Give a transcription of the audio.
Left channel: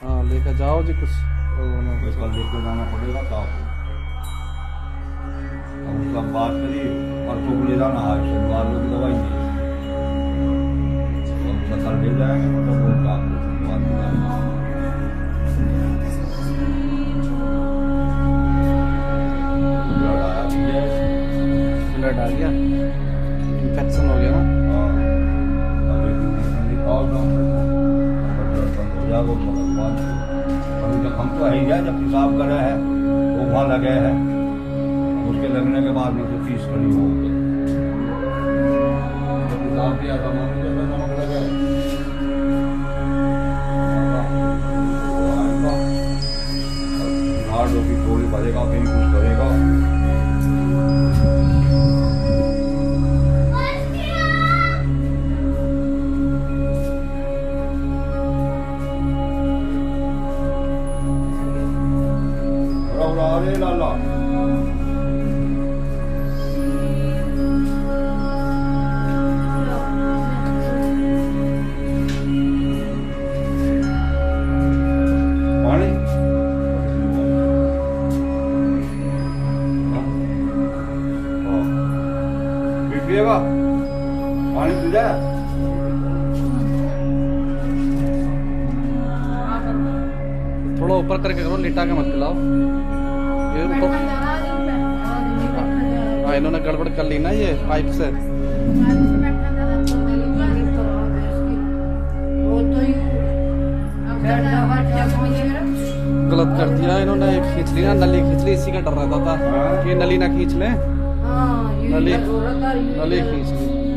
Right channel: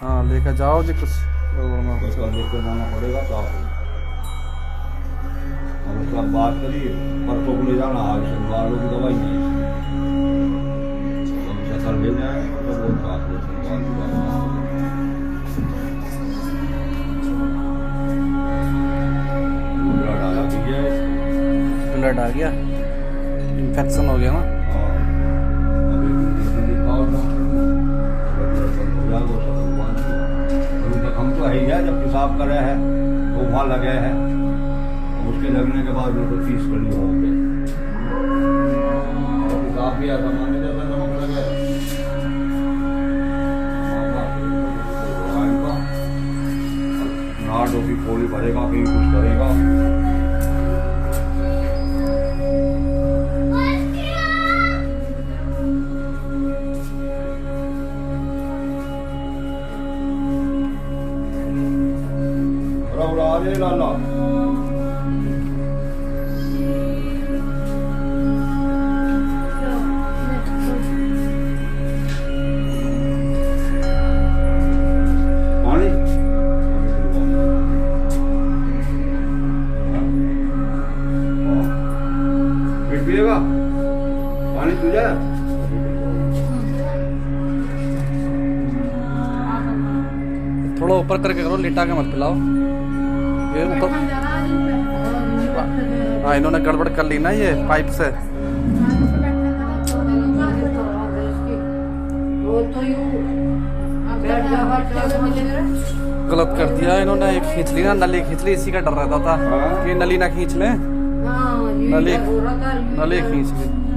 हाँ लेकर जाओ जी कुछ कल देख के जाना पड़ेगा क्या और उसका बात करिए परसों को ले जाना आज शनिवार को भी दवाई नहीं हम सफर ले जाए तो वो काम को शनिवार को जाना ब्लड आया ठीक ब्लड आ गया इन्फेक्शन हो गया ना हम तो है जब पेशाब करे हैं वो वहाँ लगे हैं उसके लगने के बाद वो तो 30 कड़ी हो गए पेशाब किया जमाने जब नमक लगे नाड़ों की गोली भरेगा कहीं कुछ करेगा लाला पानी पिएगा पानी पी जाए थोड़ा ऊपर करके करो लिटा के मत पिलाओ ये ऊपर हाँ इन्होंने गड़बड़ कर ली ना ये पाइप से गलत कर दिया इन्होंने खींच ली ना नली खींच ली इसी का डर रहता था कि नली ना खींच लें नली खींच ली